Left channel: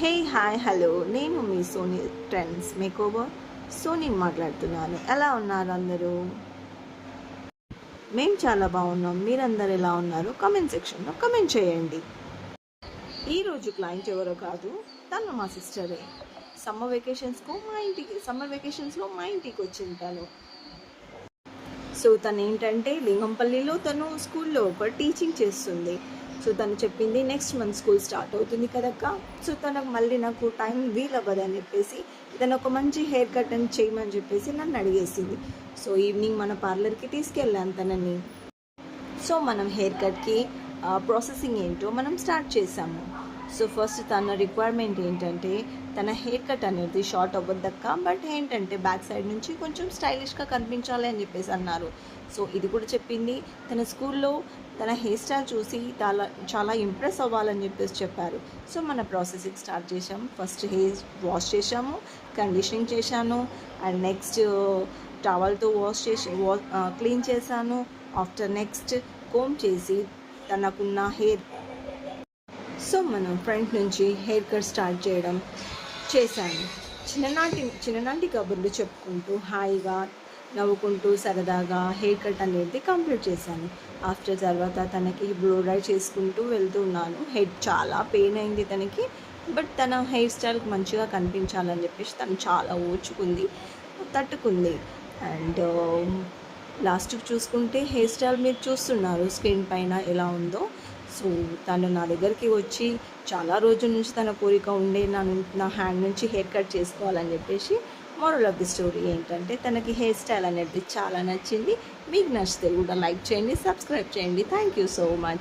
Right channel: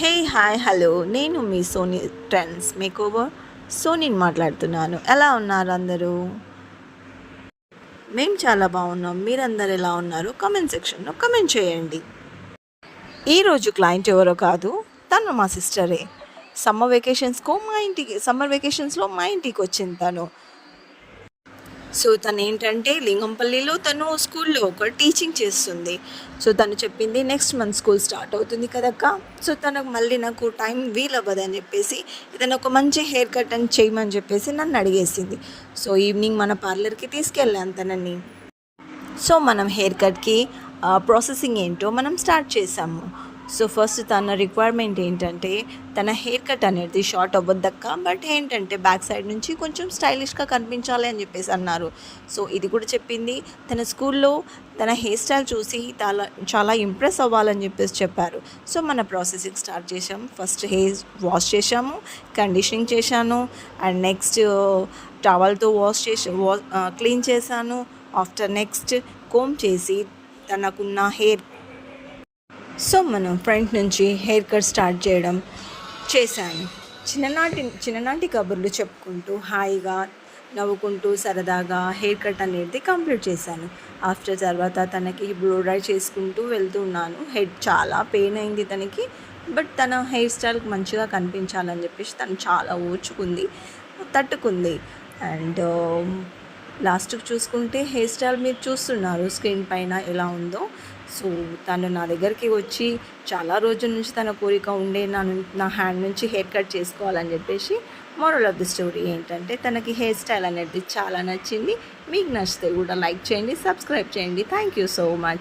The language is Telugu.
హే హాయ్ హలో నేను మీ సోనీ ట్రెండ్స్ మేకోవర్ సోనీని మాట్లాడుతున్నాను. ఎలా ఉన్నారు అందరూ? మేము చాలా బాగున్నాం. మీరందరూ ఎలా ఉన్నారు? కామెంట్ సెక్షన్లో కామెంట్ చేయండి. ఈరోజు క్లయింట్ ఎవరో కాదు, తను మా సిస్టరే. సమ్మర్ వెకేషన్స్లో మా ఇంటికి వచ్చింది తను. సో తను ఏంటంటే లింగంపల్లిలో తను స్కూల్లో ఒక టీచింగ్ చేస్తుంది. సో తను చెప్పింది నెక్స్ట్ మంత్ స్కూల్ స్టార్ట్ అవుతుంది కదక్క, సో తనకు మళ్ళీ నాకు టైం వీలవ్వదని చెప్పేసి ఇతను ఒక మంచి హెయిర్ కట్ అని చేయమని చెప్పేసి నన్ను అడిగేసింది. సో ఈవినింగ్ మన పార్లర్కి తీసుకెళ్ళాను తనని. సో మనం హెయిర్ కట్కి ప్రాసెసింగ్ ఏంటో మనం స్టార్ట్ చేసాము. సో ఫస్ట్ తన రిక్వైర్మెంట్ ఏంటంటే తన హెయిర్ కట్ అనేది షార్ట్ అవ్వద్దక్క, బట్ ఏంటంటే బ్యాక్ సైడ్ నుంచి కొంచెం స్టైలిష్గా కనిపించాలి అని చెప్పేసి అన్నారు. సో ఇది కూడా చెప్పింది. తన స్కూల్లో తన హెయిర్ స్టైల్ చూసి చాలా ఇంప్రెస్ అవ్వాలని చెప్పేసి చెప్పారు. సో మన ప్రాసెసింగ్ స్టార్ట్ చేసాము. ఫస్ట్ హెయిర్ వాష్ చేసాము, కండిషనింగ్ చేశాను, అండ్ నెక్స్ట్ టవల్తో క్లీన్ చేశాను. ఆఫ్టర్ నెక్స్ట్ కోమ్ చేసి తనకున్న హెయిర్, సో మనం ఫ్రంట్ నుంచి హెయిర్ కట్ స్టార్ట్ చేశాను. చిన్ననాటి కబుర్లు చెప్పుకుంటూ హాయిగా నవ్వుకుంటూ సరదాగా హెయిర్ కట్ అనేది కంప్లీట్ చేశాను. ఆఫ్టర్ తర్వాత తనకి బ్లో డ్రై చేసుకుంటూ వెళ్తున్నాను. హెడ్ చాలా పెయిన్ అయింది తనకి, బట్ తన హెయిర్ స్టైల్కి మంచిగా కనిపించాలని చెప్పేసి తను చాలా ఓర్చుకుంది, తట్టుకుంది. అండ్ లాస్ట్కి చూసుకుంటే హెయిర్ స్టైల్ మీరు చూస్తున్నారు స్క్రీన్ పైన ఎలా ఉందో. సో తను నా దగ్గరికి వచ్చి చాలా రోజుల నుంచి తన కోరిక ఉండే నా హ్యాండ్ నుంచి హెయిర్ కట్ చేసుకోవాలని చెప్పేసి. మోరల్ ఆఫ్ ది స్టోరీ ఏంటంటే తనకి హెయిర్ స్టైల్ అనేది చాలా నచ్చింది. మీకు నచ్చితే కూడా లైక్ చేయండి, సబ్స్క్రైబ్ చేయండి. Thank you so much.